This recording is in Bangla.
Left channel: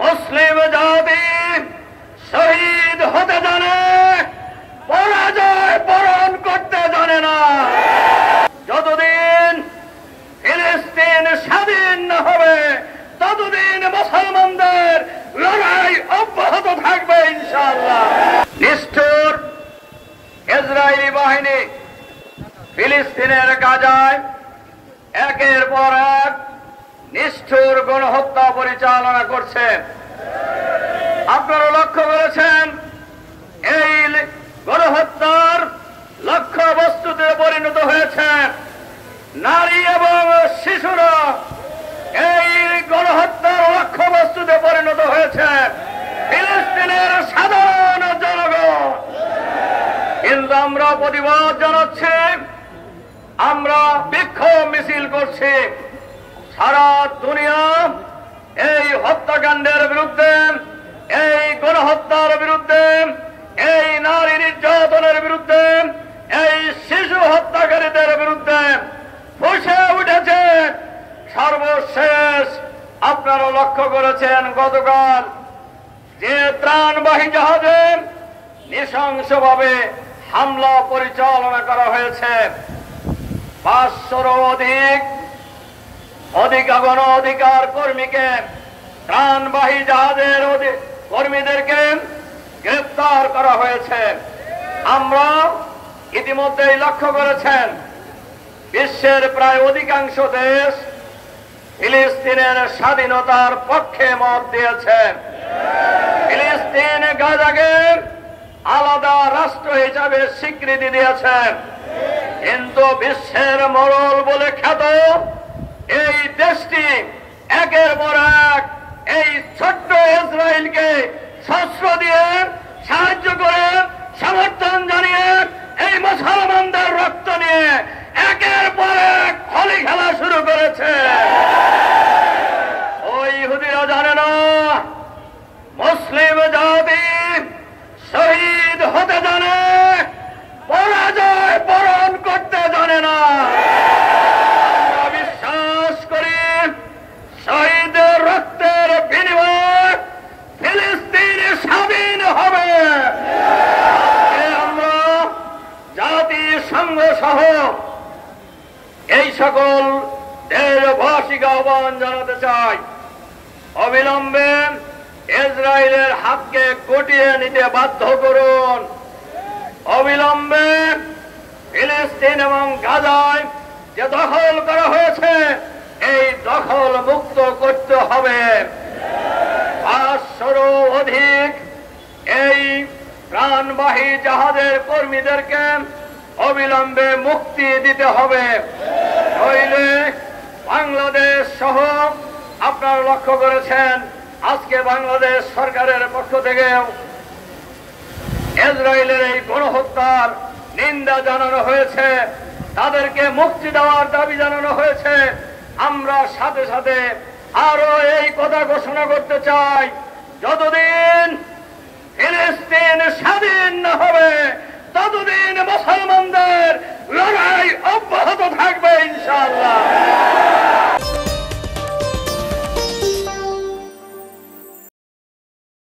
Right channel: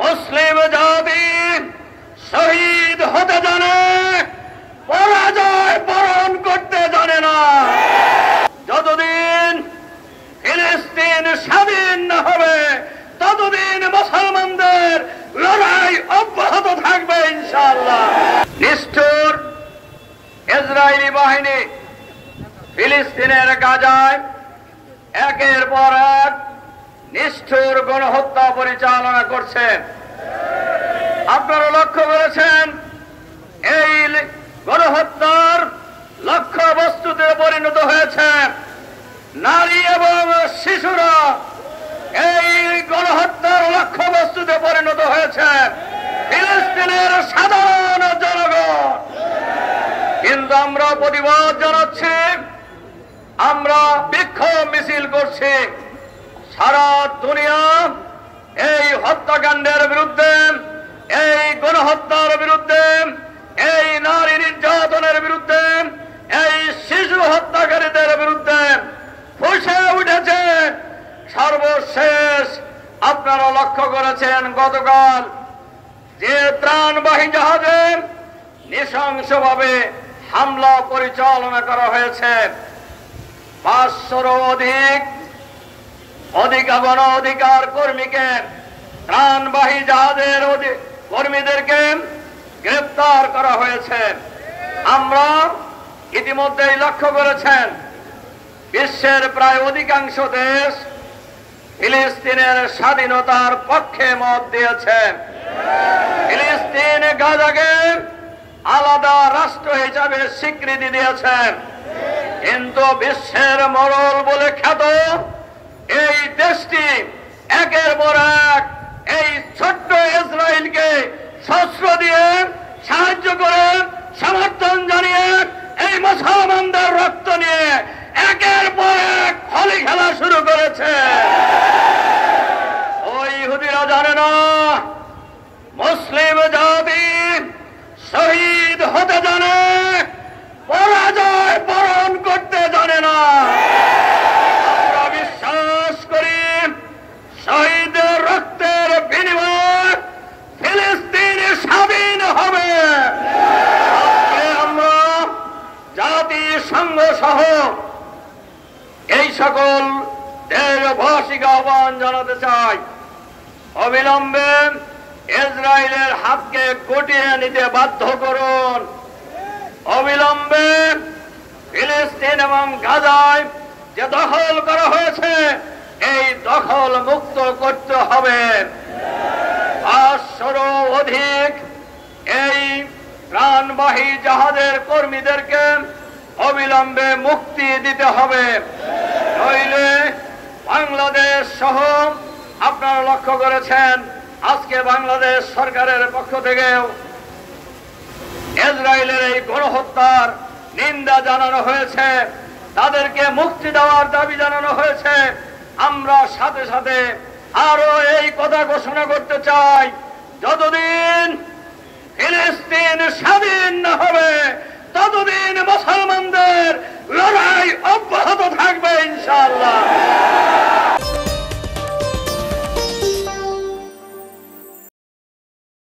মুসলিম জাতি শহীদ হতে জানে, পরাজয় বরণ করতে জানে না। যতদিন ফিলিস্তিন স্বাধীন না হবে ততদিন মুসলমানদের লড়াই অব্যাহত থাকবে ইনশাআল্লাহ। নিষ্ঠুর ইসরায়েলি বাহিনী ফিলিস্তিনের গাজায় একের পর এক নিষ্ঠুর গণহত্যা পরিচালনা করছে। আপনারা লক্ষ্য করেছেন এই গণহত্যার লক্ষ্যবস্তুতে পরিণত হয়েছে নারী এবং শিশুরা। এই গণহত্যার লক্ষ্যবস্তুতে পরিণত হয়েছে ফিলিস্তিনের সাধারণ জনগণ। কিন্তু আমরা প্রতিবাদ জানাচ্ছি, আমরা বিক্ষোভ মিছিল করছি। সারা দুনিয়া এই হত্যাকাণ্ডের বিরুদ্ধে, এই গণহত্যার বিরুদ্ধে, এই নারী নির্যাতনের বিরুদ্ধে, এই শিশু হত্যাকারীদের বিরুদ্ধে ফুঁসে উঠেছে। সর্বশেষ আপনারা লক্ষ্য করেছেন গতকাল যে ত্রাণবাহী জাহাজে নৃশংসভাবে হামলা পরিচালনা করা হয়েছে। 500-র অধিক গণ অধিকার কর্মীকে, ত্রাণবাহী জাহাজের কর্মীদেরকে গ্রেপ্তার করা হয়েছে। আমরা ইতিমধ্যেই লক্ষ্য করেছেন বিশ্বের প্রায় অধিকাংশ দেশ ফিলিস্তিনের স্বাধীনতার পক্ষে মত দিয়েছে। ফিলিস্তিন গাজাকে আলাদা রাষ্ট্র হিসাবে স্বীকৃতি দিয়েছেন। কিন্তু বিশ্বের মোড়ল বলে খ্যাত এই দেশটি একের পর এক এই ছোট্ট ইসরায়েলকে শস্ত্র দিয়ে সাহায্য করে, সমর্থন জানিয়ে, এই মুসলমানদের রক্ত নিয়ে একের পর এক হোলি খেলা শুরু করেছে। ওই ইহুদিরা জানে না মুসলিম জাতি শহীদ হতে জানে, পরাজয় বরণ করতে জানে না। আমরা বিশ্বাস করি শহীদের রক্তের বিনিময়ে ফিলিস্তিন স্বাধীন হবে। আমরা জাতিসংঘ সহ এই সকল দেশবাসীকে আহ্বান জানাতে চাই, অবিলম্বে ইসরায়েলের হাতকে গুটিয়ে নিতে বাধ্য করুন। অবিলম্বে ফিলিস্তিন এবং গাজায় যে দখল করা হয়েছে এই দখল মুক্ত করতে হবে। 500-র অধিক এই ত্রাণবাহী জাহাজের কর্মীদেরকে অবিলম্বে মুক্তি দিতে হবে। নইলে বাংলাদেশ সহ আপনারা লক্ষ্য করেছেন আজকে বাংলাদেশ সরকারের পক্ষ থেকে ইসরায়েলের এই গণহত্যার নিন্দা জানানো হয়েছে, তাদেরকে মুক্তি দেওয়ার দাবি জানানো হয়েছে। আমরা সাথে সাথে আরো এই কথা ঘোষণা করতে চাই, যতদিন ফিলিস্তিন স্বাধীন না হবে ততদিন মুসলমানদের লড়াই অব্যাহত থাকবে ইনশাআল্লাহ।